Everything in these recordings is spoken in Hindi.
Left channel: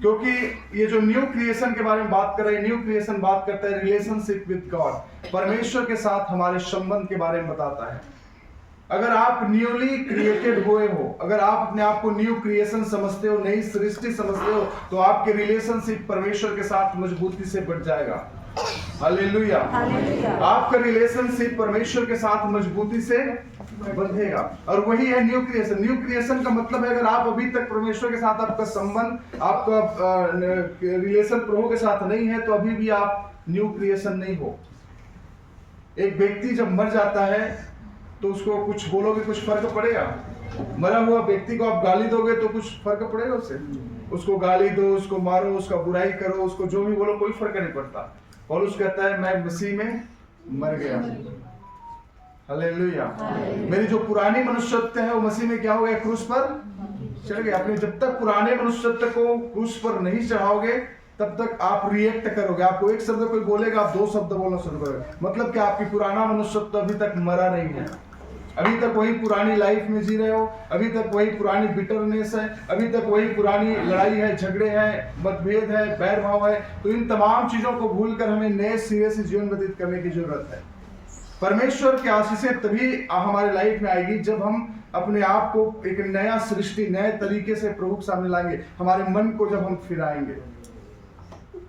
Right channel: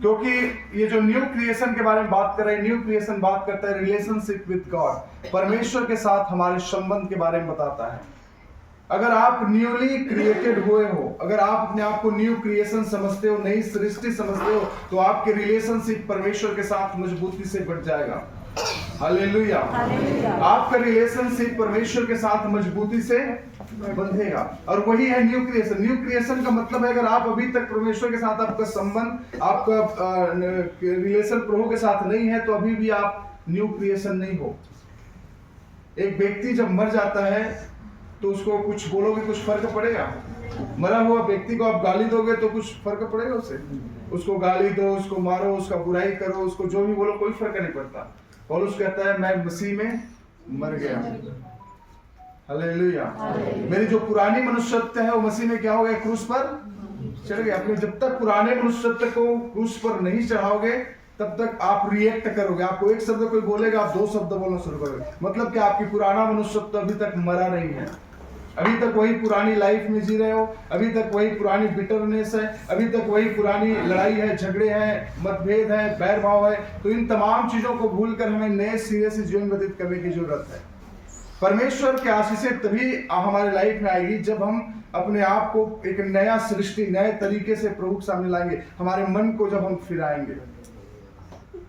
क्योंकि ये जो न्यू क्रिएशन के बारे में बात कर रहे हैं, न्यू क्रिएशन बात करता है रिलेशनशिप विद गॉड, परमेश्वर के साथ हमारे संबंध के बारे में बताता है। अगर आप न्यूली क्रिएटेड हुए हो, अगर आप अपने आप को न्यू क्रिएशन समझते हो, नई सृष्टि समझते हो, तो आपके रिलेशनशिप परमेश्वर के साथ मजबूती से बढ़ जाएगा। हालेलुया। आपका रिलेशनशिप परमेश्वर के साथ मजबूती से बंधेगा, और वही है न्यू क्रिएशन। न्यू क्रिएशन का मतलब है अगर आप अभी तक परमेश्वर के साथ आपका संबंध, आपका रिलेशन प्रभु के साथ नहीं है, तो अभी भी आप न्यू क्रिएशन नहीं हो। एक व्यक्ति जब मर जाता है तो उसको कुछ बोलोगे, कुछ फर्क पड़ेगा? मरा हुआ व्यक्ति को आप गाली दोगे तो कुछ फर्क पड़ेगा उससे? उसको गाली दो, उसको मारो, उसका बुराई करो, उसको जो भी बोलो, कोई फर्क नहीं पड़ता। पौलुस कहता है मैं मसीह में मर गया। हालेलुया। मेरी जो पुरानी मनुष्यत्व है वो मसीह में क्या हो गया? क्रूस पर चढ़ गया। अपने जब तक पुराने मनुष्यत्व को क्रूस पर नहीं चढ़ाओगे तब तक आप रिएक्ट करोगे। आपको एक शब्द कोई बोलेगा, आप दो शब्द बोलना शुरू करोगे। मतलब कि आपकी पुराना मनुष्यत्व अभी तक मरा नहीं है, अभी तक वही पुरानी लाइफ में जी रहे हो, अभी तक वही पुरानी बिटरनेस है, अभी तक वही पुरानी लड़ाई है, झगड़े हैं, मतभेद है, बैर भाव है। तो इन तमाम चीजों को भूलकर हमें नए सिरे से जीवन व्यतीत करने की जरूरत है। परमेश्वर की आशीषें तभी हमारे लाइफ में आएगी जब हम अपने आप को एक नया सृष्टि, नए तरीके से प्रभु के सामने लाएंगे। हमारे मन को जब हम फिराएंगे।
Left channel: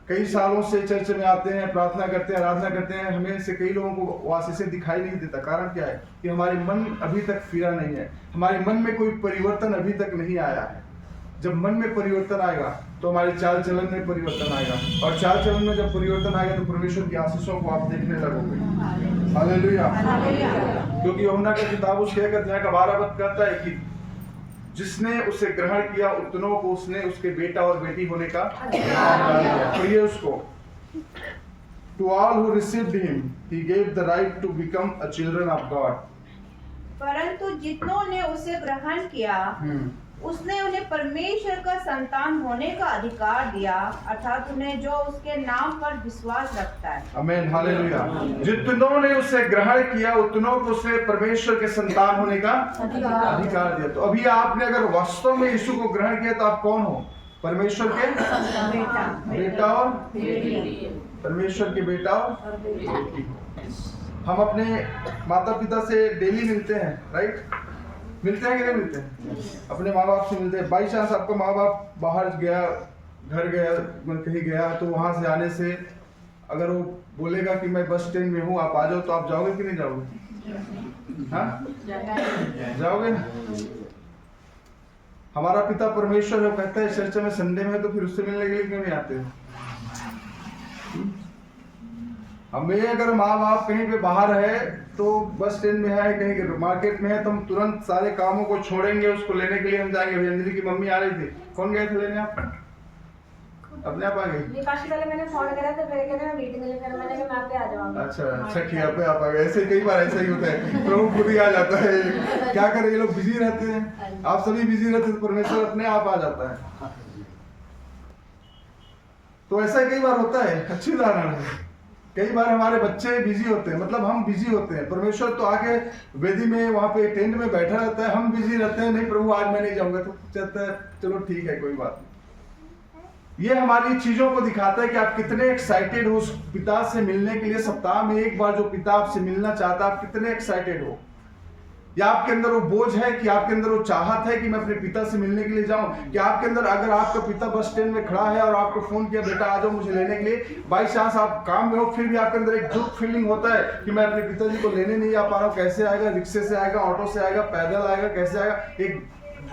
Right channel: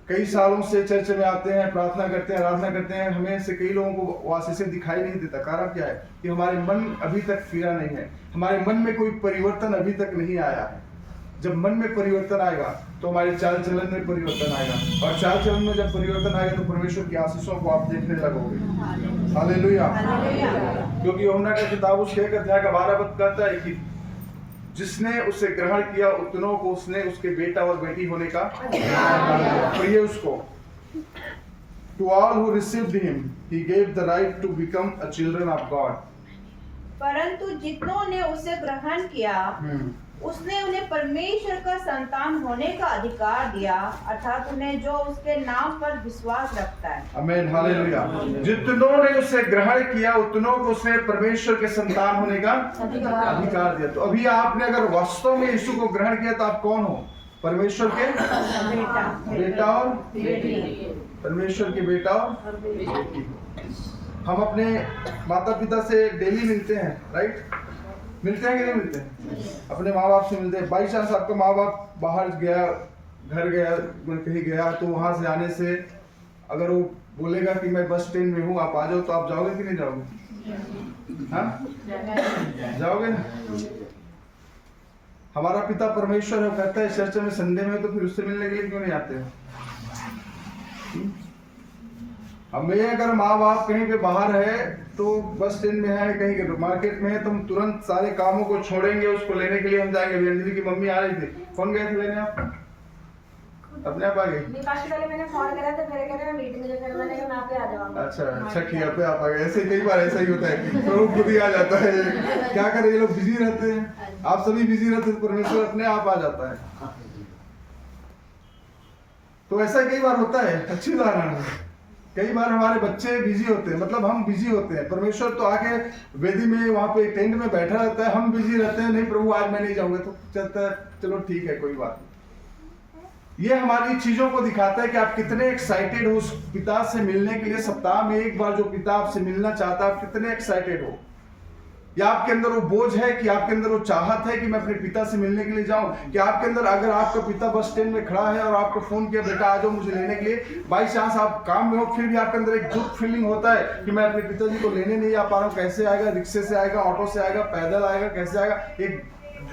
कई सालों से चर्च में आते हैं, प्रार्थना करते हैं, आराधना करते हैं, हमें से कई लोगों को आशीषें दिखाई नहीं देता। कारण क्या है? कि हमारे मन अभी तक फिरा नहीं है, हमारे मन में कोई परिवर्तन अभी तक नहीं आया है। जब मन में परिवर्तन आएगा तो हमारे चाल चलन में परिवर्तन आएगा, और चाल चलन में जब परिवर्तन आएगा तो परमेश्वर की आशीषों को आप देखने लगोगे। हालेलुया। क्योंकि यूहन्ना का किताब उसके 1 अध्याय का 12 पद कहता है कि जिसने उसे ग्रहण किया उतनों को उसने उसके बेटा और बेटी होने का अधिकार दिया। और ये उसको to all who received him he gave the right to become a children of God. परंतु जितनों ने उसे ग्रहण किया उसने उन्हें परमेश्वर का संतान होने का अधिकार दिया, अर्थात उन्हें जो उसके नाम पर विश्वास रखता है। आमीन। हालेलुया। जितनों ने उसे ग्रहण किया उतनों को उसने परमेश्वर के संतान होने का अधिकार दिया। तो अभी आपने अगर वास्तव में यीशु को ग्रहण किया तो आप कौन हो? परमेश्वर के बेटा और परमेश्वर के बेटा और बेटी। हम अपने माता पिता से डेली मिलते हैं, राइट? मिलते हैं कि नहीं मिलते हैं? अपने माँ बाप से मिलते हैं। बाई चांस आपका माँ बाप बाहर गया, घर गया, कहीं गया, तो वहां से आने से अगर वो बोलेगा कि मैं बस स्टैंड में हूँ, आप आ जाओ, तो आप जाओगे कि नहीं जाओगे? हाँ, जाओगे ना? हमारा पिता परमेश्वर है, कहता है चर्च में संडे में, तो फिर उससे मिलने के लिए क्यों नहीं आते हो? हमें अगर माँ बाप कहीं पे बाहर है, तो बस स्टैंड में है, कहीं मार्केट में है, तो हम तुरंत सारे कामों को छोड़ेंगे, उसको लेने के लिए हम जाएंगे। अभी अंजलि की मम्मी आ रही थी, कौन गए थे लेने? आप अपने आप आ गए? मैंने फोन करा तो फिर कहना मीटिंग में, फिर मैंने कहा मैं पे आ जाऊंगा। अच्छा ठीक है, आप आ गए। ऐसे कई बार ऐसा ही होता है, प्रभु खुद ही आ जाता है। क्या करें, ये लोग बिजी रहते हैं, आप सभी बिजी रहते हैं, परमेश्वर अपने आप आ जाता है। तो ऐसा कई बार होता है। अच्छी उदाहरण है। कई बार हमारे बच्चे बिजी होते हैं, मतलब हम बिजी होते हैं, परमेश्वर तो आके वेदी में वहां पे टेंट में बैठा रहता है, हम बिजी रहते हैं, नहीं प्रभु आज मैं नहीं जाऊंगा, तो कहता है चलो ठीक है, कोई बात नहीं। ये हमारी चीजों को दिखाता है कि आप कितने एक्साइटेड हो उस पिता से मिलने के लिए। सप्ताह में एक बार जो पिता आपसे मिलना चाहता है, आप कितने एक्साइटेड हो? या आपके अंदर वो बोझ है कि आपके अंदर वो चाहत है कि मैं अपने पिता से मिलने के लिए जाऊं? कि आपके अंदर अगर आपका पिता बस स्टैंड में खड़ा है और आपको फोन किया, बेटा आ जाओ मुझे लेने के लिए, बाई चांस आप काम में हो, फिर भी आपके अंदर एक दुख फीलिंग होता है कि मैं अपने पिताजी को लेने नहीं आ पा रहा हूँ, कैसे आएगा? रिक्शे से आएगा, ऑटो से आएगा, पैदल आएगा, कैसे आएगा? एक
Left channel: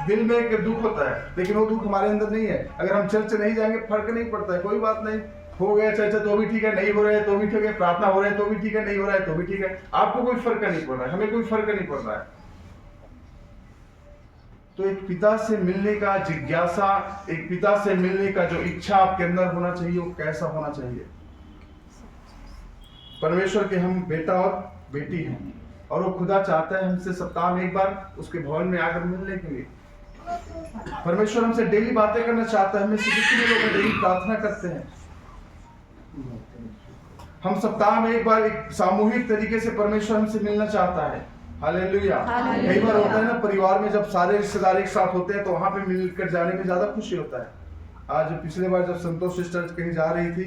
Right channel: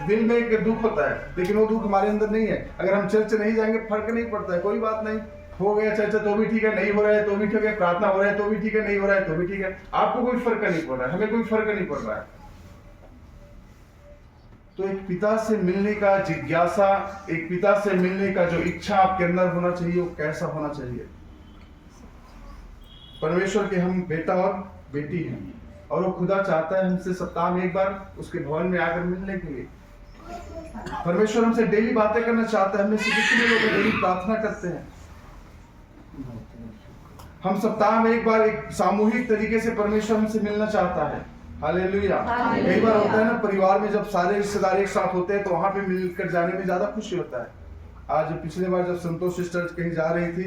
दिल में एक दुख होता है, लेकिन वो दुख हमारे अंदर नहीं है। अगर हम चर्च नहीं जाएंगे फर्क नहीं पड़ता है, कोई बात नहीं, हो गया चर्चा तो भी ठीक है, नहीं हो रहा है तो भी ठीक है, प्रार्थना हो रहा है तो भी ठीक है, नहीं हो रहा है तो भी ठीक है, आपको कोई फर्क नहीं पड़ रहा है, हमें कोई फर्क नहीं पड़ रहा है। तो एक पिता से मिलने का जिज्ञासा, एक पिता से मिलने का जो इच्छा आपके अंदर होना चाहिए, वो कैसा होना चाहिए? परमेश्वर के हम बेटा और बेटी हैं, और वो खुदा चाहता है हमसे सप्ताह में एक बार उसके भवन में आकर मिलने के लिए। परमेश्वर हमसे डेली बातें करना चाहता है, हमें से कितने लोग डेली प्रार्थना करते हैं। हम सप्ताह में एक बार एक सामूहिक तरीके से परमेश्वर हमसे मिलना चाहता है। हालेलुया। कई बार होता है ना, परिवार में जब सारे रिश्तेदार एक साथ होते हैं तो वहां पे मिलकर जाने में ज्यादा खुशी होता है। आज पिछले बार जब संतोष सिस्टर कहीं जा रही थी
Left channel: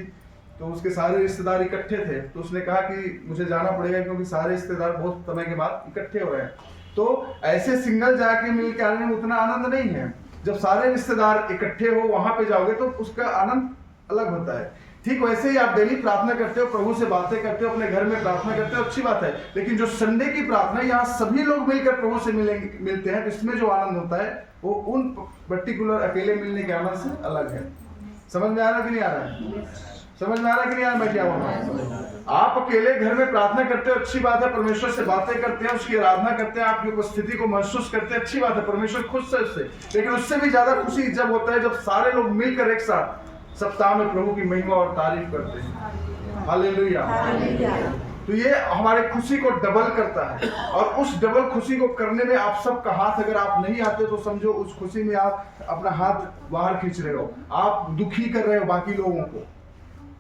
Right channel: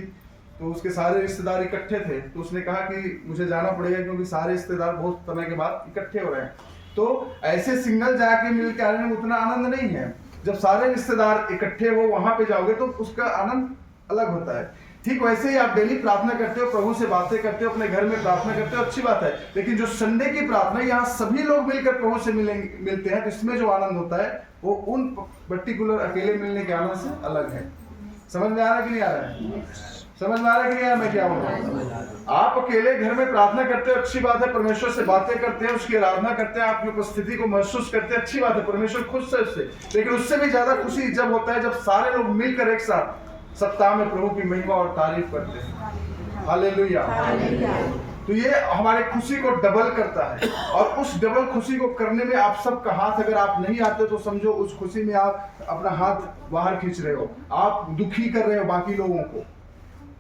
तो उसके सारे रिश्तेदार इकट्ठे थे, तो उसने कहा कि मुझे जाना पड़ेगा क्योंकि सारे रिश्तेदार बहुत समय के बाद इकट्ठे हो रहे हैं। तो ऐसे सिंगल जाके मिल के आने में उतना आनंद नहीं है। जब सारे रिश्तेदार इकट्ठे हो वहां पे जाओगे तो उसका आनंद अलग होता है। ठीक वैसे ही आप डेली प्रार्थना करते हो, प्रभु से बातें करते हो, अपने घर में प्रार्थना करते हो, अच्छी बात है। लेकिन जो संडे की प्रार्थना, यहाँ सभी लोग मिलकर प्रभु से मिलते हैं, तो इसमें जो आनंद होता है वो उन पर्टिकुलर अकेले मिलने के आनंद से अलग है। समझ में आ रहा है कि नहीं आ रहा है? समझ में आ रहा है कि नहीं आ रहा मैं क्या बोल रहा हूँ? आप अकेले घर में प्रार्थना करते हो, अच्छी बात है, परमेश्वर से बातें करते हैं, उसकी आराधना करते हैं, आपकी उपस्थिति को महसूस करते हैं, अच्छी बात है, परमेश्वर खुश है उससे। लेकिन उससे भी ज्यादा खुशी जब होता है जब सारे लोग मिलकर एक साथ सप्ताह में प्रभु की महिमा और तारीफ करते हैं। हालेलुया। तो ये हमारे खुशी को डबल करता है, और उस डबल खुशी को करने में आप सबका हाथ अगर आप नहीं आते तो समझो उस खुशी में आप अपना हाथ बाहर खींच रहे हो, आप दुखी कर रहे हो बाकी लोगों को।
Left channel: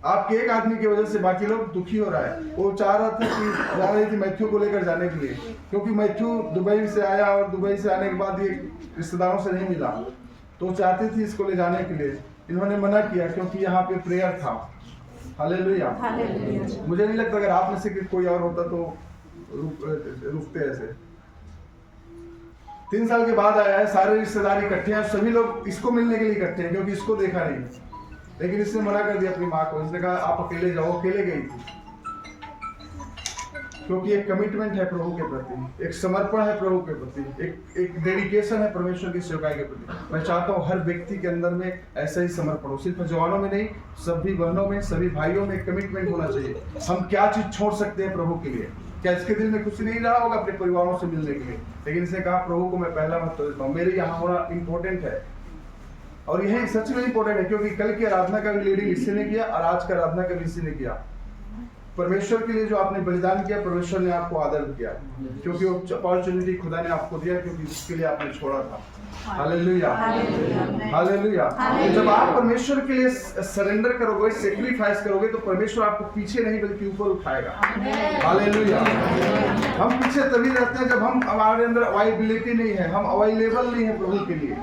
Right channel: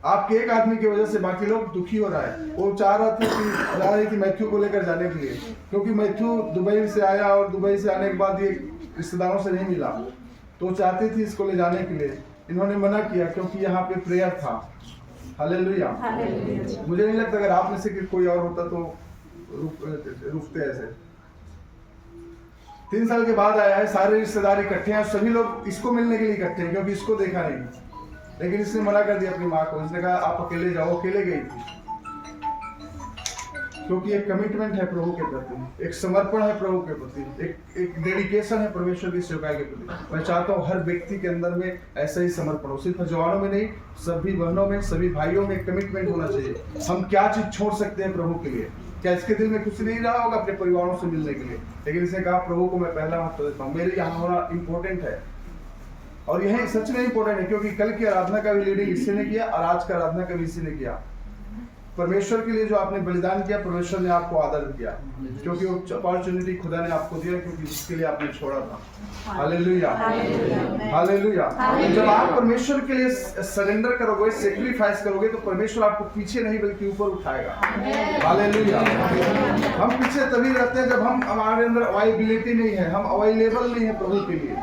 आपके एक आदमी की वजह से बाकी लोग दुखी हो रहा है। वो चाह रहा था कि जा रही थी मैथ्यू को लेकर जाने के लिए, क्योंकि मैथ्यू दुबई से आया और दुबई से आने के बाद ये रिश्तेदारों से नहीं मिला, तो चाहती थी इसको ले जाने के लिए। इन्होंने मना किया क्योंकि यहाँ पे प्रेयर था। हालेलुया। मुझे नहीं लगता अगर आप में से कोई और होता तो रुकते ऐसे। 3 साल के बाद आया है, सारे रिश्तेदार इकट्ठे हैं, सभी लोग इसको मिलने के लिए इकट्ठे हैं क्योंकि इसको देखा नहीं। लेकिन इसने मना कर दिया अपनी माँ को, इसने कहा आप अकेले जाओ। अकेले गई थी क्योंकि एक कमिटमेंट है प्रभु के प्रति, एक समर्पण है प्रभु के प्रति, एक डेडिकेशन है परमेश्वर की सेवकाई के प्रति। मैं चाहता हूँ हर व्यक्ति के अंदर में ऐसा ही समर्पण हो, सिर्फ जवानों में नहीं, सभी बहनों में, सभी भाइयों में कमिटमेंट होना चाहिए। हम क्या चीज छोड़ सकते हैं प्रभु के लिए? क्या इसके दिल में कुछ नहीं रहा होगा अपने परिवारों से मिलने के लिए? लेकिन इसने कहा प्रभु को मैं पहला महत्व देता हूँ, मेरे यहाँ होना इम्पोर्टेंट है। और यह सच में इम्पोर्टेंट है क्योंकि कल की आराधना का भी लीडिंग इसी ने किया और आज का आराधना का भी इसी ने किया। परमेश्वर के लिए जो आपने बलिदान किया, परमेश्वर ने आपको आदर दिया क्योंकि वो अपॉर्चुनिटी खुदा ने आपको दिया, क्योंकि जिसके लिए आपने छोड़ा था। Hallelujah, hallelujah. तो जब आप परमेश्वर के लिए सरेंडर करोगे, सेक्रीफाइस करोगे, तो परमेश्वर आपको पीछे नहीं बल्कि ऊपर उठाएगा। हालेलुया। हम पीछे तभी रहते हैं जब हमारे अंदर अवेलेबिलिटी नहीं है, हम अवेलेबल नहीं है प्रभु के लिए।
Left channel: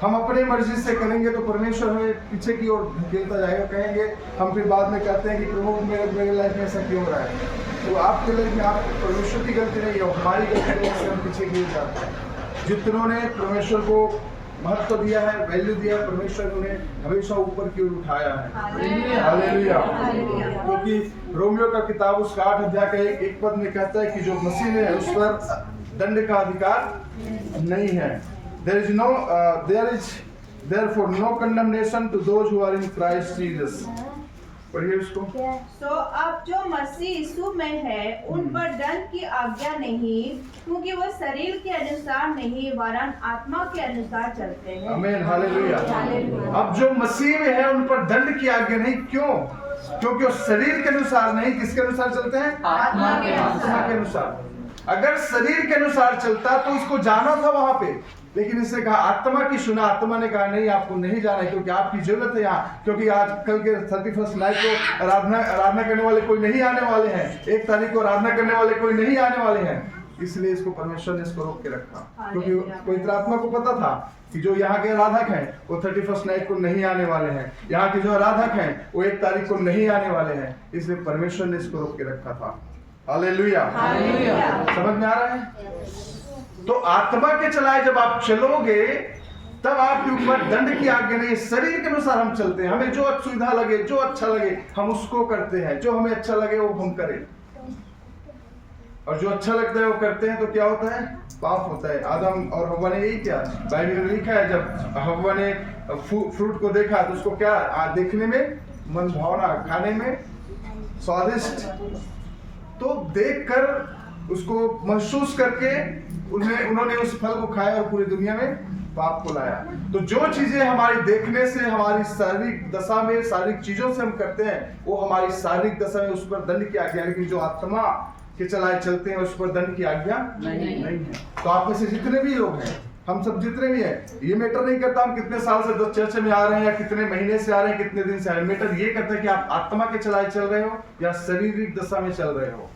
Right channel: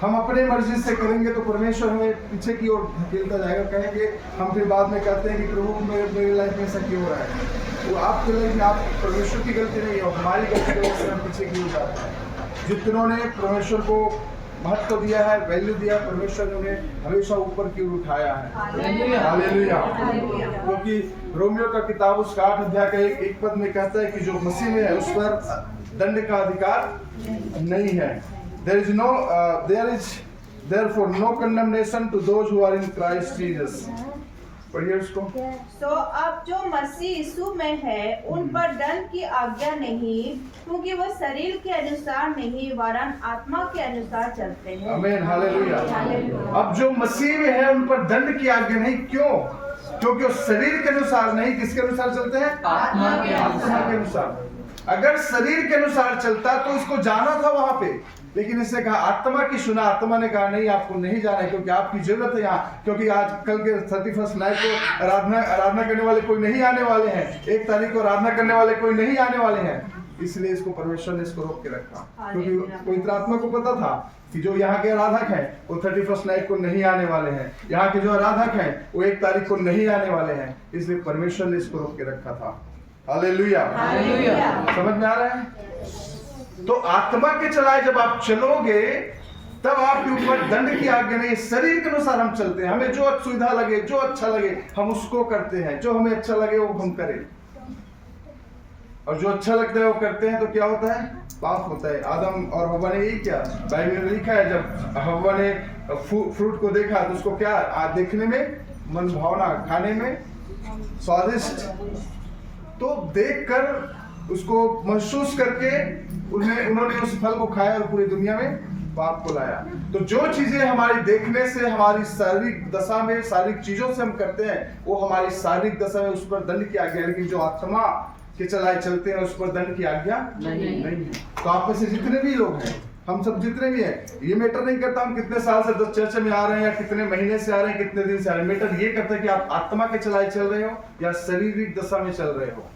हम अपने मर्जी से करेंगे तो परमेश्वर हमें पीछे की ओर धकेलता जाएगा। कहेंगे हम, फिर बाद में कहते हैं कि प्रभु मेरे लाइफ में ऐसा क्यों हो रहा है? तो आपके लाइफ में आप परमेश्वर की गलती नहीं है, हमारी गलती की वजह से हम पीछे की ओर जाते हैं। जितनों ने परमेश्वर को महत्व दिया है, वैल्यू दिया, परमेश्वर ने उन्हें हमेशा ऊपर की ओर उठाया है। हालेलुया। क्योंकि रोमियो का किताब उसका 8 अध्याय का एक पद में कहता है कि जो मसीह में है उस पर दंड का अधिकार नहीं है। There is therefore no condemnation to those who are in Christ Jesus. पढ़िए उसको। तो अब जो मसीह यीशु में है उन पर दंड की आज्ञा नहीं, क्योंकि वो शरीर के अनुसार नहीं वरन आत्मा के अनुसार चलते हैं। आमीन, हालेलुया। अब जो मसीह में है उन पर दंड की आज्ञा नहीं, क्यों? क्योंकि वो शरीर के अनुसार नहीं, किसके अनुसार चलते हैं? आत्मा के अनुसार। अगर शरीर के अनुसार चलता तो इसको जाना था वहां पे, लेकिन इसने कहा आत्मा की सुना। आत्मा ने कहा नहीं, आपको नहीं जाना है क्योंकि आपकी जरूरत है यहाँ, क्योंकि आज कल के 31st नाइट को आराधना करने वाले कोई नहीं आने वाले हैं, 1 तारीख को आराधना करने वाले कोई नहीं आने वाले हैं। इसलिए इसको परमेश्वर ने इसको रोक के रखा, क्योंकि पवित्र आत्मा को पता था कि जो यहाँ के आराधक हैं वो 31st नाइट को नहीं आने वाले हैं, यहाँ के जो आराधक हैं वो 1 तारीख को नहीं आने वाले हैं। इसलिए परमेश्वर ने इसको रोक के रखा था। हालेलुया। समझ में आ रहा है? तो आत्मा के चलाए जब आप चलोगे तब आपके ऊपर दंड की आज्ञा नहीं। शरीर के अनुसार हम चलते हैं, हमें जो सुविधा लगे, जो अच्छा लगे हम उसको करते हैं, जो हमें अच्छा लगे वो हम करें, और जो अच्छा लगता है वो करते हैं तो क्या होता है? पाप होता है। आदम और हव्वा ने यही किया। बाइबल में लिखा है जब हव्वा ने फ्रूट को देखा तो उसको क्या देखने में मन भावना, खाने में स्वादिष्ट, तो देखकर उसको महसूस करके उन्होंने उस फल को खाया और पूरी दुनिया में पाप को लाया। तो जो चीजें हमारी देखने से, हमारी शारीरिक दशा में, शारीरिक चीजों से हम करते हैं वो हमारी शारीरिक दशा में उस पर दंड की आज्ञा है, लेकिन जो आत्मा के चलाए चलते हैं उस पर दंड की आज्ञा नहीं है। तो आप में से जितने भी लोग हैं, हम सब जितने भी हैं, ये मैटर नहीं करता हम कितने साल से चर्च में आ रहे हैं या कितने महीने से आ रहे हैं, कितने दिन से आ रहे हैं। मैटर ये करता है कि आप आत्मा के चलाए चल रहे हो या शारीरिक दशा में चल रहे हो।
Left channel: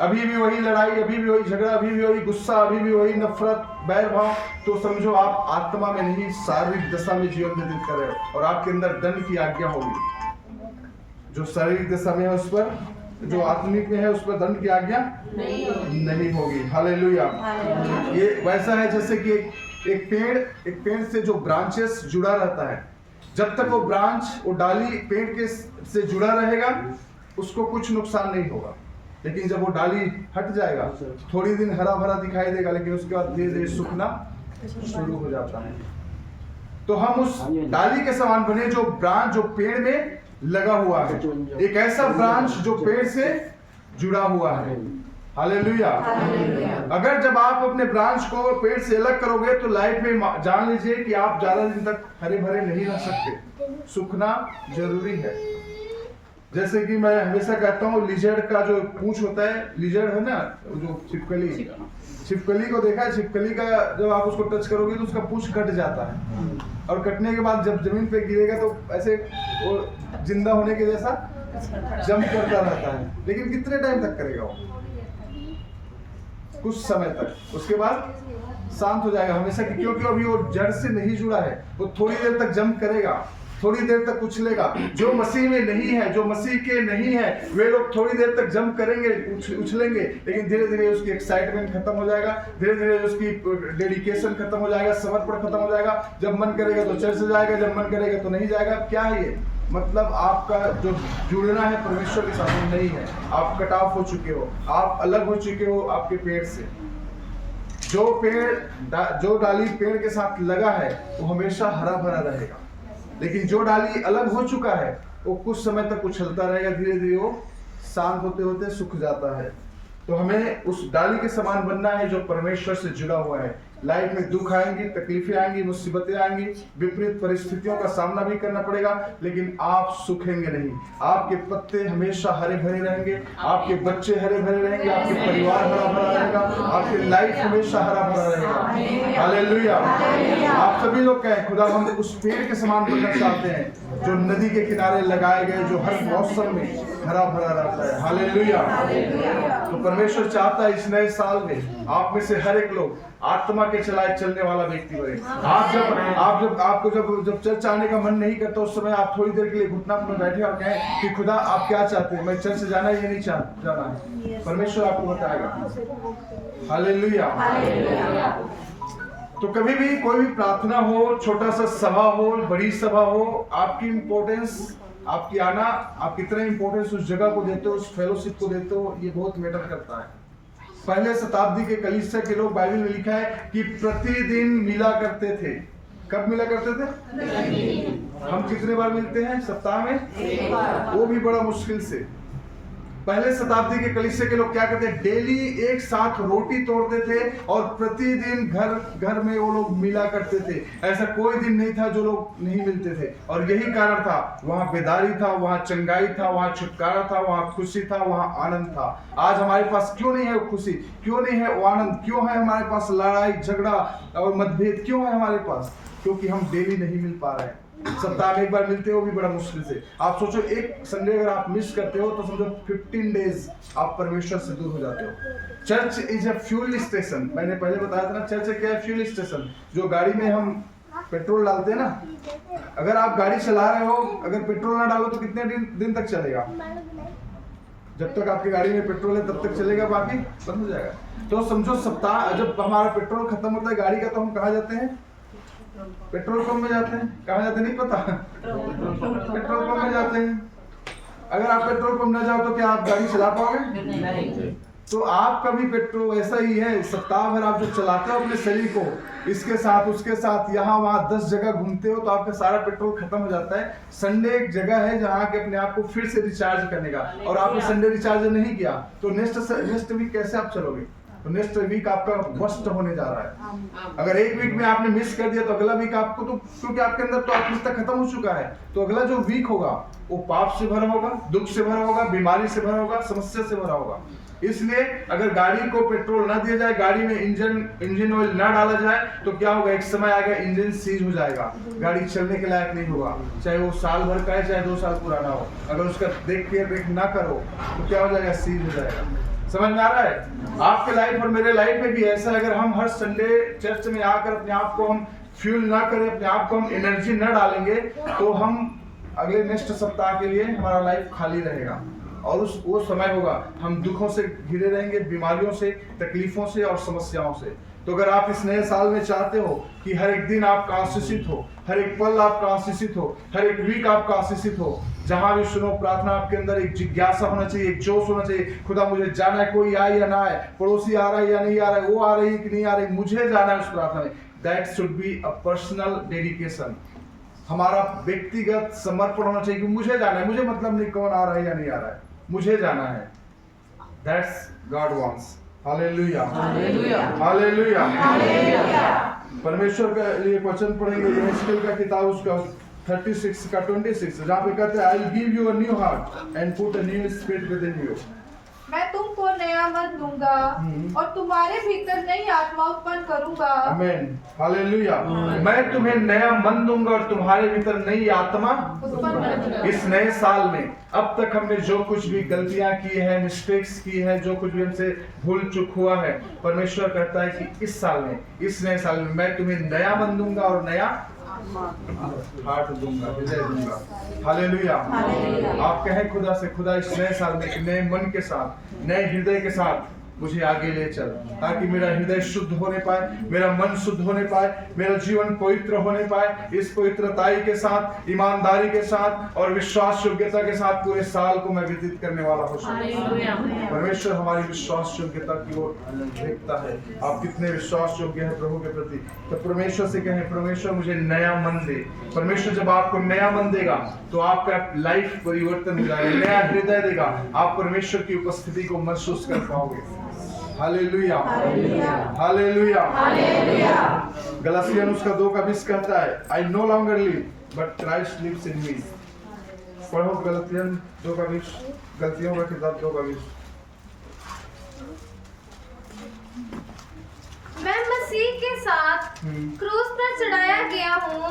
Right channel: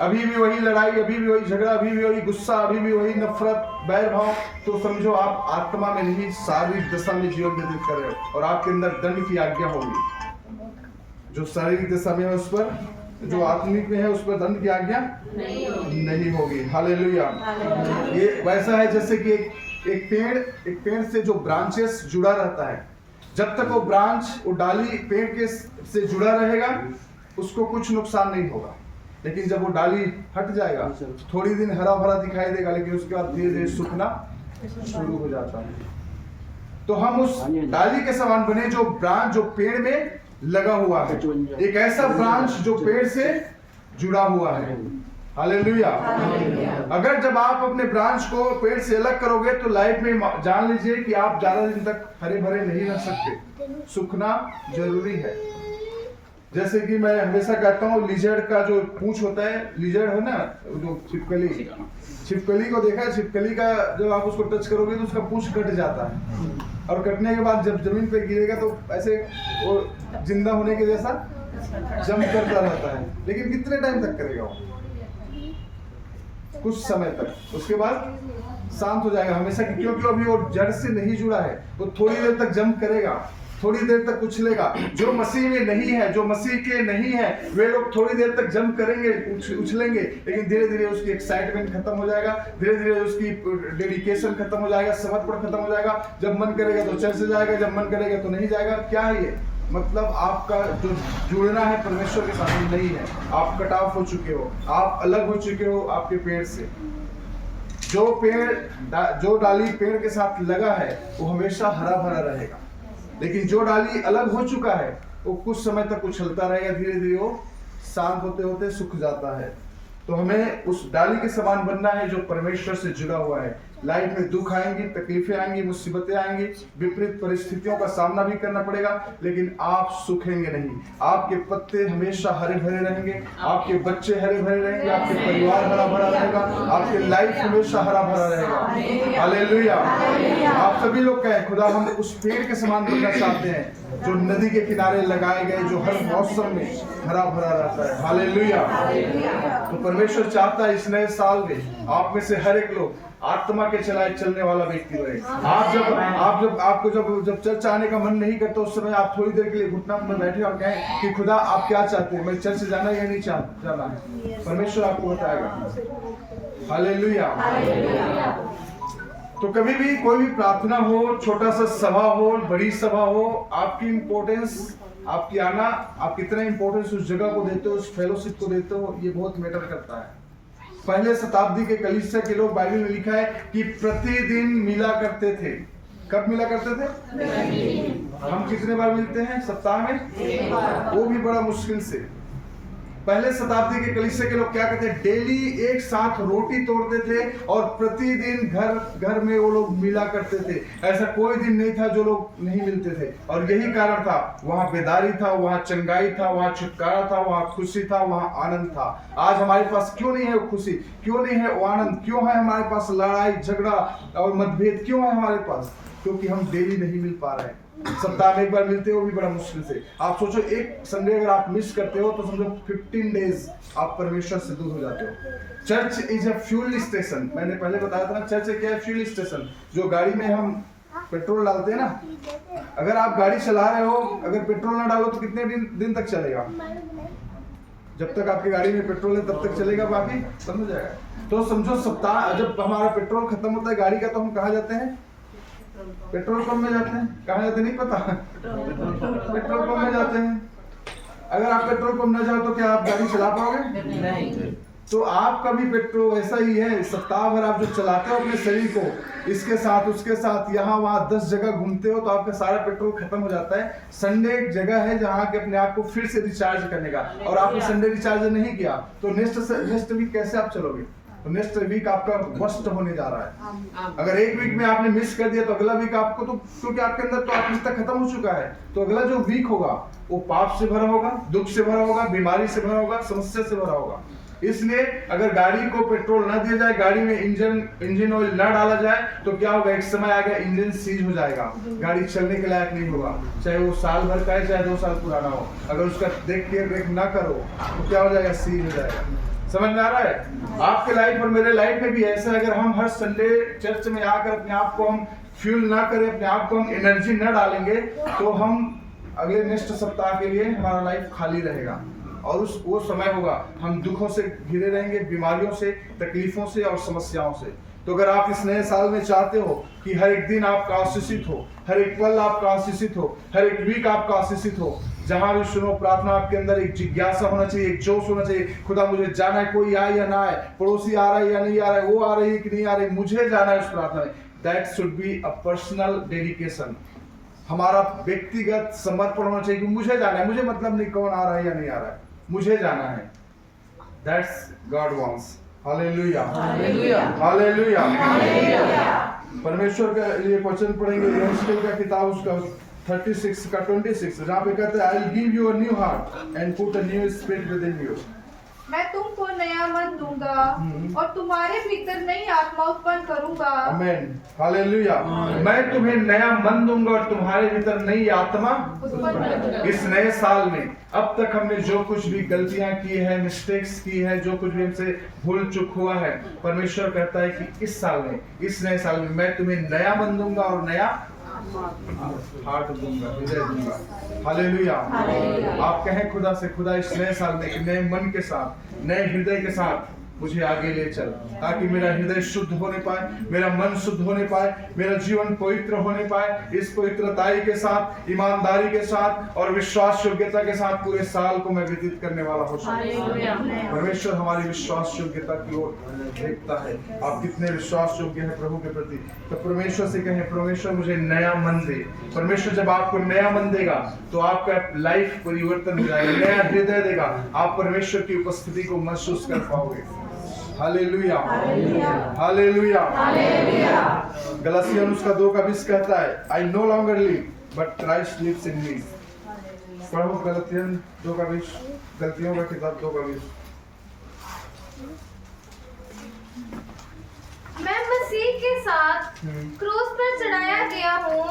अभी भी वही लड़ाई, अभी भी वही झगड़ा, अभी भी वही गुस्सा, अभी भी वही नफरत, बैर भाव, तो समझो आप आत्मा में नहीं शारीरिक दशा में जीवन व्यतीत कर रहे हो और आपके अंदर दंड की आज्ञा होगी। जो शारीरिक दशा में है उस पर, जो आत्मिक में है उस पर दंड की आज्ञा नहीं होगी। हालेलुया। ये वैसा है जैसे कि एक पेड़ से जो ब्रांचेस जुड़ा रहता है, जब तक वो ब्रांच, वो डाली पेड़ के से जुड़ा रहेगा उसको कुछ नुकसान नहीं होगा, लेकिन जब वो डाली हट जाएगा थोड़ी दिन हरा भरा दिखाई देगा, लेकिन उसके बाद धीरे धीरे सूखना शुरू हो जाता है। तो हम उस डाली के समान बने जो ब्रांच, जो पेड़ में लगा हुआ है, एक ऐसा ब्रांच जो पेड़ से जुड़ा हुआ है। हालेलुया। अगर जब आप अपने ब्रांच को पेड़ से अलग करोगे तो लाइफ में जान लीजिए कि आप ज्यादा दिन तक हरे भरे नहीं रह सकते, सूखना जरूरी है। जैसे कि मैं हमेशा कहता हूँ, लिजर्ड का जो पूंछ होता है, लिजर्ड है ना, जो छिपकली को देखा है, छिपकली का जब आप उसको टच करोगे तो उसका पूंछ कट जाता है और कटने के बाद जब जमीन पे गिरेगा तो ऐसे वो जिंदा होने के जैसा जंप करता रहता है, लेकिन कितने टाइम तक करेगा वो? कुछ समय तक, उसके बाद शांत हो जाएगा हमेशा की, क्योंकि अभी वो जड़ से नहीं जुड़ा है। वो थोड़ी देर तक जंप करेगा, थोड़ी देर तक उछलेगा। जो मसीह में नहीं है, जो मसीह के नहीं है, वे लोग थोड़ी देर तक जंप करेंगे, उछलेंगे, लेकिन धीरे धीरे उसकी एक्साइटमेंट खत्म हो जाएगा, धीरे धीरे उसकी डेडिकेशन खत्म हो जाएगा, समर्पण खत्म हो जाएगा। जब मन करेगा तो चर्च जाएगा, जब मन करेगा तो नहीं जाएगा। क्या है ये? मतलब आपका जो जुड़ना है परमेश्वर के साथ नहीं है, आप कट ऑफ हो चुके हो, आप अलग हो चुके हो आपके पेड़ से। जो डाली पेड़ के साथ लगा है वो हमेशा हरा भरा रहेगा, लेकिन जो डाली अलग हो चुका है वो कुछ समय तक उछलता रहेगा, धीरे धीरे वो शांत होते होते सूख जाता है। तो हमें उस डाली के समान बनना है जो परमेश्वर से जुड़ा हुआ है। लाइफ में दुख आएंगी, तकलीफें आएंगी, मुसीबतें आएंगी, विपरीत परिस्थितियों का सामना भी करना पड़ेगा, लेकिन आप सूखेंगे नहीं। आपके पत्ते हमेशा हरे भरे रहेंगे, आपके बच्चे हरे भरे रहेंगे, आपके परिवार हरा भरा रहेगा, आपकी लाइफ हमेशा हरा भरा रहेगा। हालेलुया। आप सभी लोग कहें, खुदा हम उस पेड़ के समान बनना चाहते हैं जो नदी के किनारे लगाए गए, जो हर मौसम में हरा भरा रहता है। हालेलुया। तो परमेश्वर चाहता है इस नए साल में आप में से हर एक लोग आत्मा के चलाए चलने वाला व्यक्ति बने। आपको जब चर्च आने का मन नहीं करता, उस समय आप थोड़ी देर के लिए घुटना में बैठे और कहें कि खुदा आप क्या चाहते हैं, मैं चर्च जाना या नहीं जाना है, परमेश्वर आपको बताएगा। हालेलुया। तो कभी भी कोई भी प्रार्थना हो, छोटा सा सभा हो, बड़ी सभा हो, आपकी इम्पोर्टेंस, आपकी आना, आप कितना इम्पोर्टेंस उस जगह को देते हो, उस फेलोशिप को देते हो, ये बहुत मैटर करता है। पहले शताब्दी के कलीसिया के लोग, बाइबल में लिखा है कि प्रतिदिन मिला करते थे। कब मिला करते थे? हम कितने बार मिलते हैं सप्ताह में? एक बार। वो भी बड़ा मुश्किल से। पहले शताब्दी के कलीसिया के लोग क्या करते? डेली एक साथ रोटी तोड़ते थे और प्रतिदिन घर में वो लोग मिला करते थे। ऐसा कोई दिन नहीं था जो लोग नहीं मिलते थे, और यही कारण था, वहाँ बेदारी था, वहाँ चंगाई था, वहाँ छुटकारा था, वहाँ खुशी था, वहाँ आनंद था। आज हमारे पास क्यों नहीं है वो खुशी, क्यों नहीं है वो आनंद, क्यों है हमारे पास लड़ाई झगड़ा और मतभेद, क्यों है हमारे पास? क्योंकि हम डेली नहीं मिल पा रहे हैं। सप्ताह में एक बार मिलते हो भी बड़ा मुश्किल से। आप सोचो, एक संडे अगर आप मिस करते हो तो समझो 15 डेज आप परमेश्वर से दूर हो जाते हो। Church is a fuel station. मैंने पहले बताया था ना, चर्च क्या है? Fuel station. जो गाड़ी में हम पेट्रोल डालते हैं ना, अगर आप गाड़ी चला रहे हो, अगर पेट्रोल ना डालो तो कितने दिन तक चलेगा? जब तक आपकी गाड़ी में पेट्रोल है तब तक चलेगा, बाकी बंद हो जाएगा। तो समझो सप्ताह, जब हमारा पेट्रोल खत्म होता है गाड़ी का, तो हम कहाँ जाते हैं? पेट्रोल पंप में जाते हैं। कहाँ जाते नहीं पता? पेट्रोल पंप में जाते हैं। अगर आप पेट्रोल पंप ना जाओ तो क्या आप गाड़ी चला पाओगे? नहीं। तो आपका भी पेट्रोल ऐसा ही है। सप्ताह भर आप जो चलाते हो अपने शरीर को, इसके साथ उसके साथ, यहाँ वहाँ 10 जगह घूमते हो, तो आपका सारा पेट्रोल खत्म हो जाता है। संडे एक जगह है जहाँ के अपने आप को फिर से रिचार्ज करने का, और आपने संडे रिचार्ज नहीं किया तो नेक्स्ट वीक कैसे आप चलोगे? तो नेक्स्ट वीक आपका वर्स्ट होने जा रहा है। अगर एक वीक में आपने मिस कर दिया तो अगला वीक आपको, तो क्योंकि आपके अंदर तो आत्मिकता खत्म हो चुका है, तो अगला जो वीक होगा वो पाप से भरा होगा, दुख से भरा होगा, बीमारी से भरा होगा, समस्या से भरा होगा। इसलिए अगर गाड़ी को पेट्रोल ना दिया जाए, गाड़ी में इंजन ऑयल ना डाला जाए, तो क्या होगा? एक समय आएगा इंजन सीज हो जाएगा, गाड़ी चलने के लायक नहीं होगा, चाहे वो साल भर का है चाहे 2 साल पुराना हो। अगर उसका देख के ब्रेक ना करो तो क्या हो जाएगा? सीज हो जाएगा। समझ में आ रहा है? आपके लाइफ और मेरे लाइफ में भी ऐसा है, अगर हम हर संडे चर्च में आकर अपने आप को हम फ्यूल ना करें, अपने आप को हम एनर्जी न डालेंगे, तो हम अगले नेक्स्ट सप्ताह के लिए हमारा लाइफ खाली रहेगा। और वो समय होगा हम दुखों से घिरे रहेंगे, बीमारियों से, तकलीफों से और समस्याओं से। तो अगर आप इस नए साल में चाहते हो कि हर एक दिन आपका आशीषित हो, हर एक पल आपका आशीषित हो, हर एक वीक आपका आशीषित हो, जहां भी सुनो प्रार्थना आपके अंदर एक जिज्ञासा होना चाहिए, एक जोश होना चाहिए। खुदा मुझे जाना है, कोई आए या ना आए, पड़ोसी आ रहा है या नहीं आ रहा है, वो आ रही है कि नहीं आ रही, मुझे जाना है उस प्रार्थना में। That should be a personal dedication. हमारा व्यक्तिगत समर्पण होना चाहिए कि मुझे जाना है, मुझे मतलब नहीं कौन आ रहा है या नहीं आ रहा है, मुझे जाना है। That's God wants. Hallelujah, hallelujah, hallelujah. परमेश्वर का ये वचन पढ़ेंगे यहेजकेल का किताब, उसका 36 का 26, जहाँ पे कहते हैं I will give you a new heart and put a new spirit with in you. मैं तुमको नया मन दूंगा और तुम्हारे भीतर नई आत्मा उत्पन्न करूंगा। आमीन, हालेलुया। मैं तुम्हें नया मन दूंगा और तुम्हारे भीतर नई आत्मा इस नए साल में। अब तक हमने जो कुछ भी गलतियां की है, मिस्टेक्स की है, जो कुछ भी हमसे भूल चूक हुआ है, परमेश्वर कहता है कि इस साल में, इस नए साल में मैं तुम्हें नया मन दूंगा और नया हार्ट दूंगा, हृदय दूंगा। हालेलुया। आप कहें खुदा से, खुदा इस नए साल में एक नए मन के साथ, नए हृदय के साथ मुझे आगे ले चल, ताकि मेरा हृदय शुद्ध होने पाए, मेरा मन शुद्ध होने पाए, मेरा जीवन पवित्र होने पाए। इस पवित्रताई के साथ, ईमानदारी के साथ और विश्वास योग्यता के साथ पूरे साल को मैं व्यतीत करने वाला हो सकूं। परमेश्वर हमारी विश्वास योग्यता की ओर देखता है। आप कितने विश्वास योग्य हैं प्रभु के प्रति। तो परमेश्वर से कहें, परमेश्वर मुझे नया मन दे। परमेश्वर जब आपको नया मन देगा तो आपका लाइफ परिवर्तन हो जाएगा, नया हृदय देगा, आप परमेश्वर की उपस्थिति को महसूस कर पाओगे। Hallelujah, hallelujah, hallelujah. गलातियन उसका 2:20 कहता है I no longer live but Christ lives in me. पढ़ो गलातियन 2:20, गलतियों का किताब 2:20। मैं मसीह के साथ क्रूस पर चढ़ाया गया हूँ।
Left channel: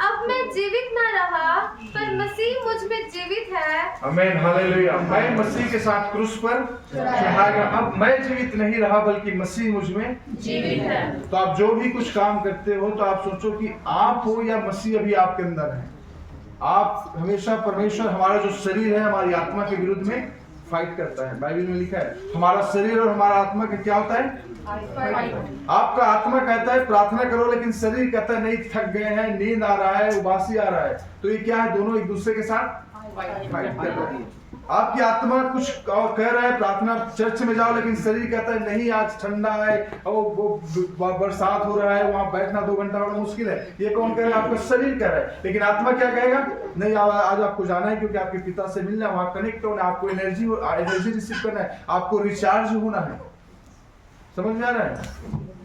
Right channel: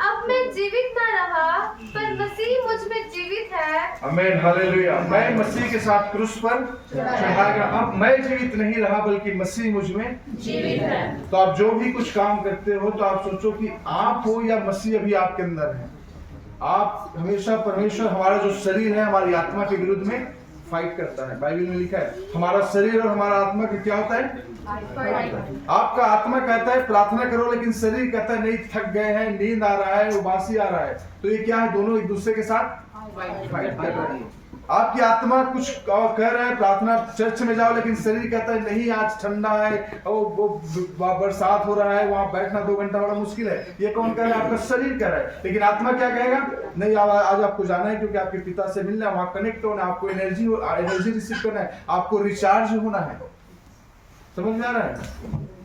अब मैं जीवित न रहा पर मसीह मुझ में जीवित है। आमीन, हालेलुया। मैं मसीह के साथ क्रूस पर चढ़ाया गया, अब मैं जीवित नहीं रहा बल्कि मसीह मुझ में जीवित है। तो आप जो भी कुछ काम करते हो तो आप सोचो कि आप हो या मसीह अभी आपके अंदर है। आप हमेशा, परमेश्वर हमारा जो शरीर है हमारी आत्मा के विरुद्ध में फाइट करता है। बाइबल में लिखा है हमारा शरीर और हमारा आत्मा का क्या होता है? आपका आत्मा कहता है प्रार्थना करो, लेकिन शरीर कहता है नहीं, थक गए हैं, नींद आ रहा है, उबासी आ रहा है। तो ये क्या है? दोनों एक दूसरे के साथ फाइट कर रहे हैं। आपकी आत्मा कुछ कह रहा है प्रार्थना चर्च में जाओ, लेकिन शरीर कहता है नहीं, आज ठंडा है, वो बरसात हो रहा है, वहां बैठना 2 घंटा बड़ा मुश्किल है। ये कौन कह रहा है? आपका शरीर कह रहा है। लेकिन आत्मा क्या कहेगा? नहीं, आज आपको जाना है क्योंकि आपके पिता से मिलना है, वहां कनेक्ट होना है, आपको एनर्जी रिसीव करना है, आपको रिचार्ज होना है। समझ में आ रहा है?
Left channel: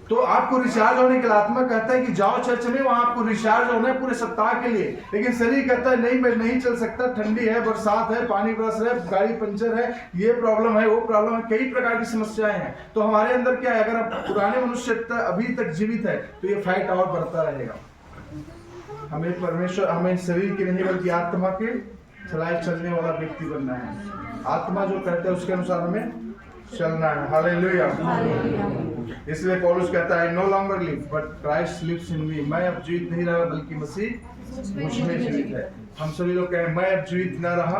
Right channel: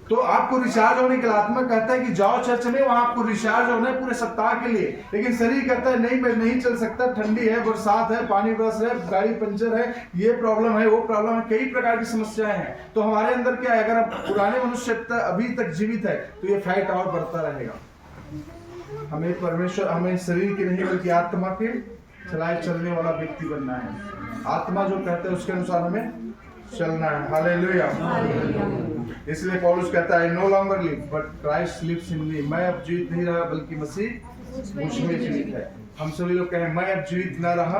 तो आपको रिचार्ज होने के लिए आत्मा कहता है कि जाओ चर्च में, वहां आपको रिचार्ज होना है पूरे सप्ताह के लिए। लेकिन शरीर कहता है नहीं, मैं नहीं चल सकता, ठंडी है, बरसात है, पानी बरस रहा है, गाड़ी पंचर है, ये प्रॉब्लम है, वो प्रॉब्लम है, कई प्रकार की समस्याएं हैं। तो हमारे अंदर क्या है? अगर आप पुराने मनुष्य अभी तक जीवित है तो ये फाइट और बढ़ता रहेगा। हमें परमेश्वर, हमें शरीर की नहीं बल्कि आत्मा के चलाए चलने वाला व्यक्ति बनना है। आत्मा जो कहता है उसके अनुसार हमें चलना है। हालेलुया। इसलिए पौलुस कहता है I no longer live but Christ lives in me. मैं अब जीवित नहीं रहा बल्कि मसीह मुझ में जीवित है। हम सभी लोग कहें मैं अब जीवित न रहा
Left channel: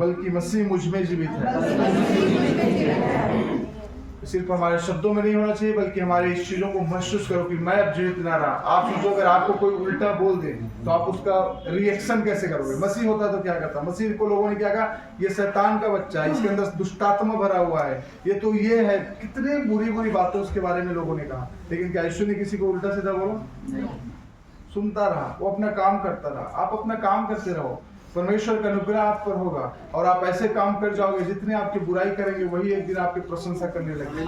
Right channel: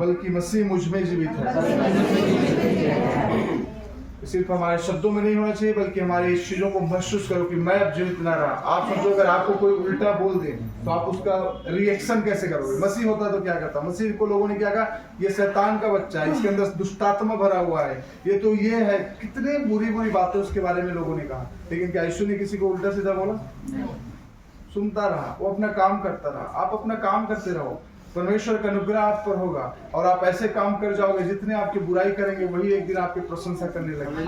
बल्कि मसीह मुझ में जीवित है। सिर्फ हमारे शब्दों में नहीं होना चाहिए बल्कि हमारे इस चीजों को महसूस करो कि मैं अब जीवित ना रहा। आप सोचो अगर आपको कोई उल्टा बोल दे तो आप उसका रिएक्शन कैसे करोगे? मसीह होता तो क्या करता? मसीह को लोगों ने क्या कहा? ये शैतान का बच्चा है, इसके अंदर दुष्टात्मा भरा हुआ है, ये तो ये है, कितने बुरी बुरी बातें उसके बारे में लोगों ने कहा। लेकिन क्या यीशु ने किसी को उल्टा सीधा बोला? सुनता रहा, वो अपना काम करता रहा। आप अपना काम करते रहो, परमेश्वर का अनुग्रह आप पर होगा और आप ऐसे काम कर जाओगे जितने आपकी बुराई करेंगे वही एक दिन आपकी प्रशंसा करने लगेंगे।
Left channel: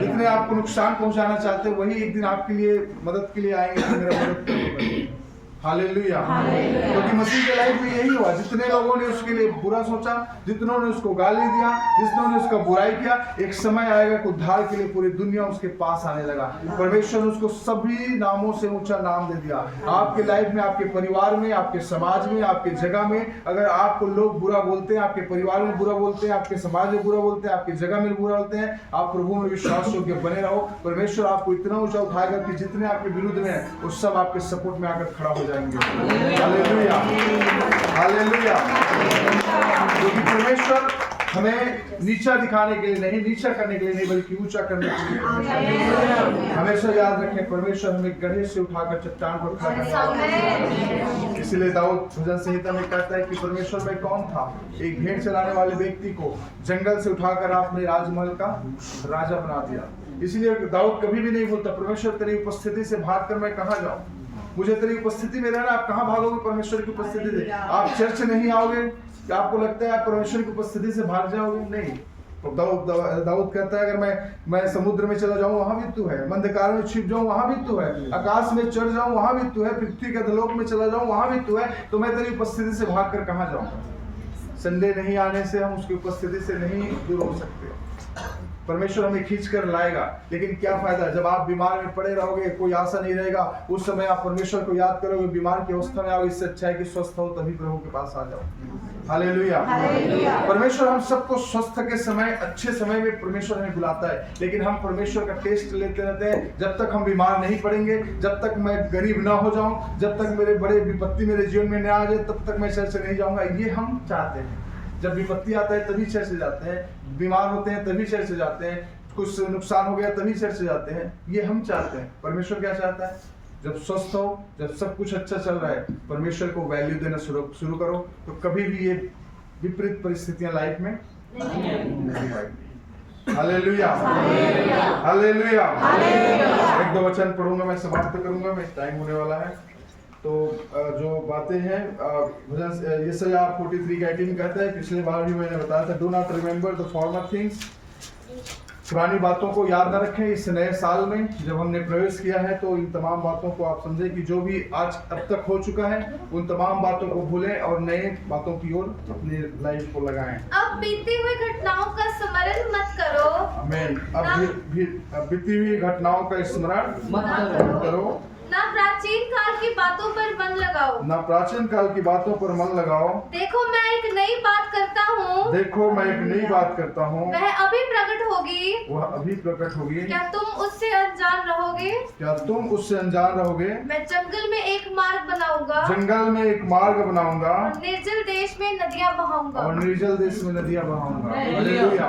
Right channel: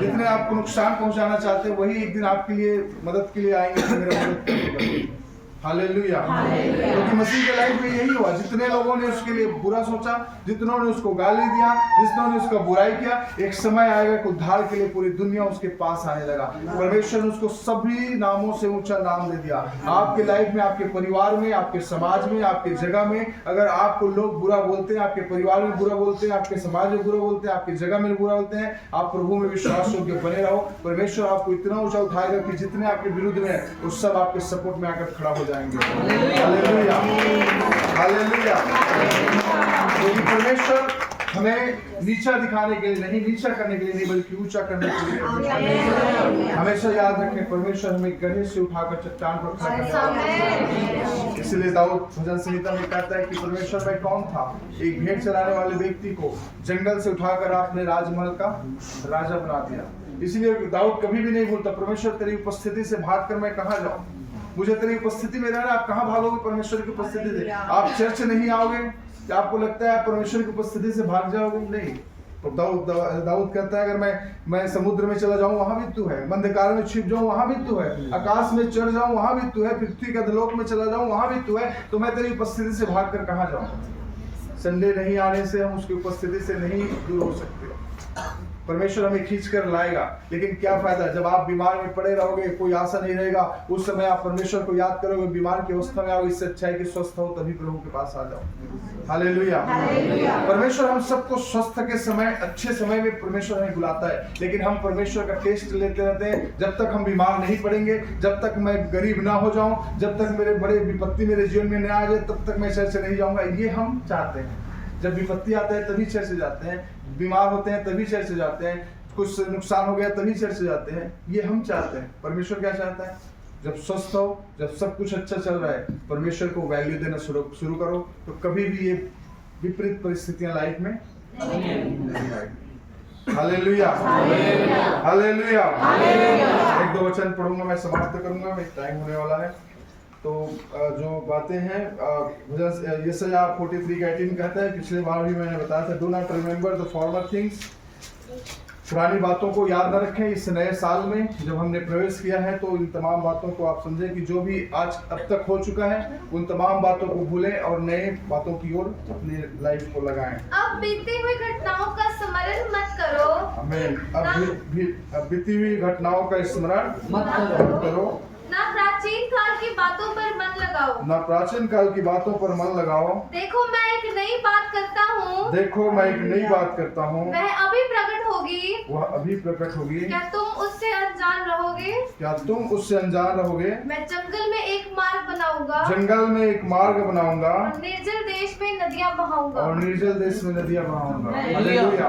जितने आपको नुकसान पहुंचाना चाहते हैं वही एक दिन आपके लिए मदद के लिए आएंगे कि मेरा मदद करेगा। हालेलुया। क्योंकि मसीह के लाइफ में यही हुआ, जितने लोगों ने उसके लिए बुरा सोचा, जितनों ने उसको गाली दिया, जितनों ने उसका बुराई किया, एक समय आएगा कि उद्धार के लिए पूरी दुनिया उसके पास आने लगा। परमेश्वर ने उसको सभी नामों से ऊंचा नाम दे दिया। आपके लाइफ में, आपके परिवार में, आपके समाज में, आपके जगह में अगर आपको लोग बुरा बोलते हैं, आपके परिवार में बुरा बोलते हैं, आपके समाज में बुरा बोलते हैं, आपकी जगह में बुरा बोलते हैं, आप प्रभु में विश्वास योग्य बने रहो। परमेश्वर आपको इतना ऊंचा उठाएगा कि जितने आपके विरुद्ध में है वो सब आपके सपोर्ट में आकर खड़ा हो जाएंगे। Hallelujah, hallelujah. क्योंकि परमेश्वर हमें नीचा दिखाने के लिए नहीं, नीचा करने के लिए नहीं, बल्कि ऊंचा करने के लिए। हमेशा याद रखें, परमेश्वर हमें गड्ढे से उठाकर चट्टान पर खड़ा करने वाला है। इसलिए दाऊद भजन संहिता में कहता है कि परमेश्वर में कौन था, एक भेड़ चलाने वाले व्यक्ति को जंगल से उठाकर आपने राजमहल का राजा बना दिया। इसलिए दाऊद कभी भी नहीं बोलता परमेश्वर तेरी उपस्थिति से भागकर मैं कहाँ जाऊं, मुझे तेरी उपस्थिति में रहना। आप कहाँ भागोगे परमेश्वर की उपस्थिति से? आप चर्च नहीं आओगे, क्या आपको लगता है आप परमेश्वर की उपस्थिति से भाग जाओगे? नहीं। तो दाऊद कहता है अगर मैं समुद्र में चला जाऊं वहां भी तू है, अंधकार में छिप जाऊं वहां भी तू है, आकाश में चढ़ जाऊं वहां भी तू है, पृथ्वी के अधोलोक में चला जाऊं वहां भी तू है, तो मैं तेरी उपस्थिति से भागकर कहाँ जाऊं? संडे नहीं आने से हम उसकी उपस्थिति से नहीं दूर हो सकते। परमेश्वर हमें खींच कर लाएगा, लेकिन क्या फायदा जब आप बीमार में पड़े रहोगे, कोई आशा नहीं रहेगा। उस समय आप परमेश्वर को याद करोगे, बीमार की अवस्था में आओगे। इससे अच्छा है कि स्वस्थ हो तभी प्रभु के पास आ जाओ। हालेलुया। परमेश्वर हम सबको स्वस्थ के समय, अच्छे समय में परमेश्वर हमें बुलाता है, लेकिन हम परमेश्वर का टेस्ट लेते रहते हैं। जब तक हम बीमार नहीं पड़ेंगे, जब तक मैं गरीब ना हो जाऊं, जब तक मेरे बड़े विपत्ति मेरे जीवन में न आ जाए, तब तक मैं चर्च नहीं जाऊंगा। ये हम चाहते हैं। जब विपत्ति आता है तभी चर्च जाते हैं, बीमार होते हैं तभी चर्च जाते हैं, कुछ नुकसान हो गया तभी चर्च जाते हैं। ये हम चाहते हैं। परमेश्वर क्या चाहता है? जब स्वस्थ हो, जब सब कुछ अच्छा चल रहा है, परमेश्वर को वैल्यू देना शुरू करो, तो कभी भी ये विपरीत परिस्थितियां लाइफ में नहीं आएगी। Hallelujah, hallelujah. एक दो वचन पढ़ूंगा, मैं समाप्त करूंगा, मैं टाइम होने वाला है। तो जो बातें हैं, भजन यशायाह 43:18 कहता है, पिछले बार भी मैंने बताया था, do not remember the former things. पुरानी बातों को याद न रखें। इस नए साल में जब हमने प्रवेश किया है, तो इन तमाम बातों को आप समझें कि जो भी आज अब तक हो चुका है, उन तमाम बातों को भूलें और नए बातों की ओर अपनी लाइफ को लगाएं। अब बीती हुई घटनाओं का स्मरण मत करो। आमीन। अब बीती हुई घटनाओं का स्मरण मत करो। ना प्राचीन काल की बातों पर मन लगाओ। ना प्राचीन काल की बातों पर मन लगाओ। देखो मैं एक नई बात करता हूँ। देखो मैं एक नई बात करता हूँ। वह अभी प्रकट होगी। वह अभी प्रकट होगी। क्या तुम उससे अनजान रहोगे? क्या तुम उससे अनजान रहोगे? मैं जंगल में एक मार्ग बनाऊंगा। जंगल में एक मार्ग बनाऊंगा। और निर्जल देश में नदियां बहाऊंगा। और निर्जल देश में नदियां बहाऊंगा। हालेलुया।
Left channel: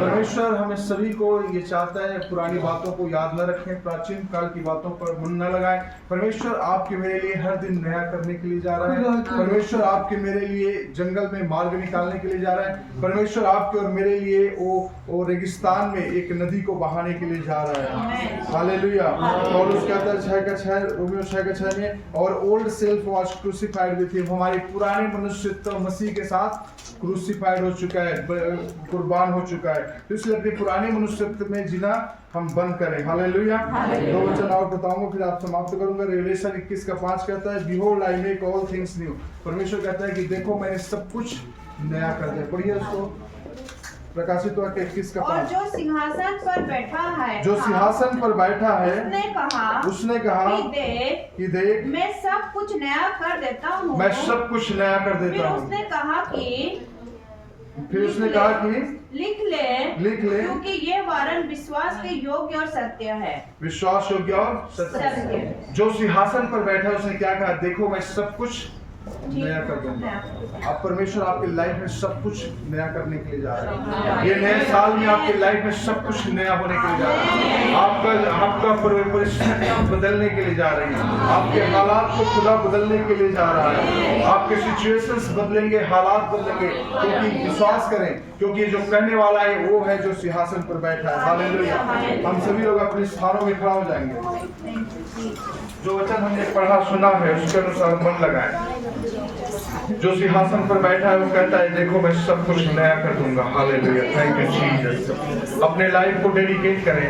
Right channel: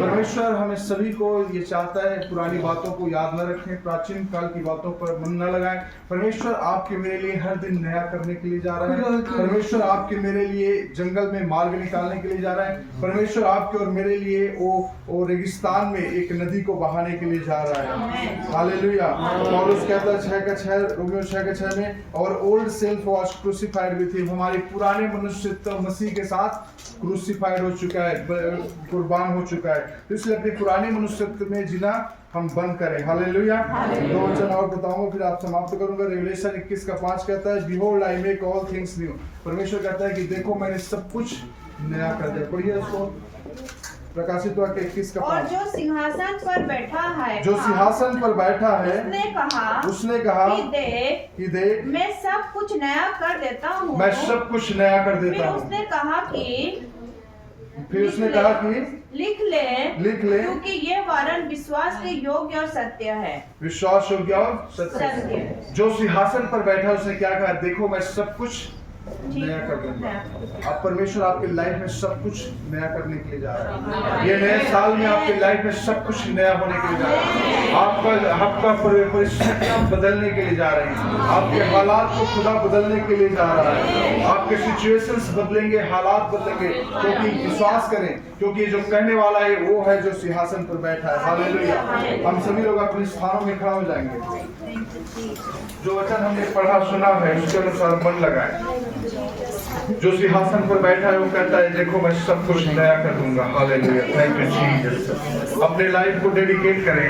परमेश्वर हमें सभी को ये चाहता है, पुरानी बातों को याद न रखें, प्राचीन काल की बातों पर मन न लगाएं। परमेश्वर आपके मेरे लिए हर दिन नया करने के लिए जा रहा है। परमेश्वर आपके मेरे लिए जंगल में मार्ग निकालने के लिए जा रहा है। परमेश्वर आपके और मेरे लिए वो रेगिस्तान में एक नदी को बहाने के लिए जा रहा है। हालेलुया। पौलुस कहता है 6:6 रोमियो 6:6 में, और old self was crucified with him. हमारे पुराने मनुष्यत्व मसीह के साथ क्रूसिफाइड हो चुका है, कुर्बान हो चुका है। तो इसलिए अपने पुराने मनुष्यत्व में जीना हम बंद करें। हालेलुया। दो वचन और बताऊंगा, फिर आप समाप्त करूंगा। रेवलेशन 21:5 कहता है, behold I make all things new. परमेश्वर कहता है कि देखो मैंने सब कुछ नया कर दिया। पढ़िए उसको, प्रकाशित वाक्य 21:5। और जो सिंहासन पर बैठा है, जो सिंहासन पर बैठा है, उसने कहा कि देख मैं सब कुछ नया कर देता हूँ। मैं सब कुछ नया कर देता हूँ। उसने कहा कि लिख ले, क्योंकि ये वरन विश्वास के योग्य और सत्य है। विश्वास योग्य और सत्य। जो सिंहासन पर बैठा है उसने क्या कहा? देखो मैं सब कुछ नया कर दूंगा। अब परमेश्वर आपके लाइफ में सब कुछ नया करने के लिए जा रहा है। ये नए साल में आपके लाइफ में सब कुछ नया होने के लिए जा रहा है। आपका परिस्थितियां बदलने के लिए जा रही हैं। आपके हालात को खुदा बदलने के लिए जा रहा है। आपके सिचुएशंस बदलेंगे, हालात बदलेंगे, क्योंकि विश्वास करें, क्योंकि जो कहने वाला है वो है जो सिंहासन पर बैठा है। हालेलुया। हम सभी लोग अपने स्थानों में खड़ा हो जाएंगे। जो वचन हमने पढ़ा सुना है उसके अनुसार मन लगाएं। जो सिंहासन पर बैठा है वो कहता है देखो मैं सब कुछ नया कर दूंगा। हालेलुया। Thank you Jesus. अपने लाइफ को डेडिकेट करें।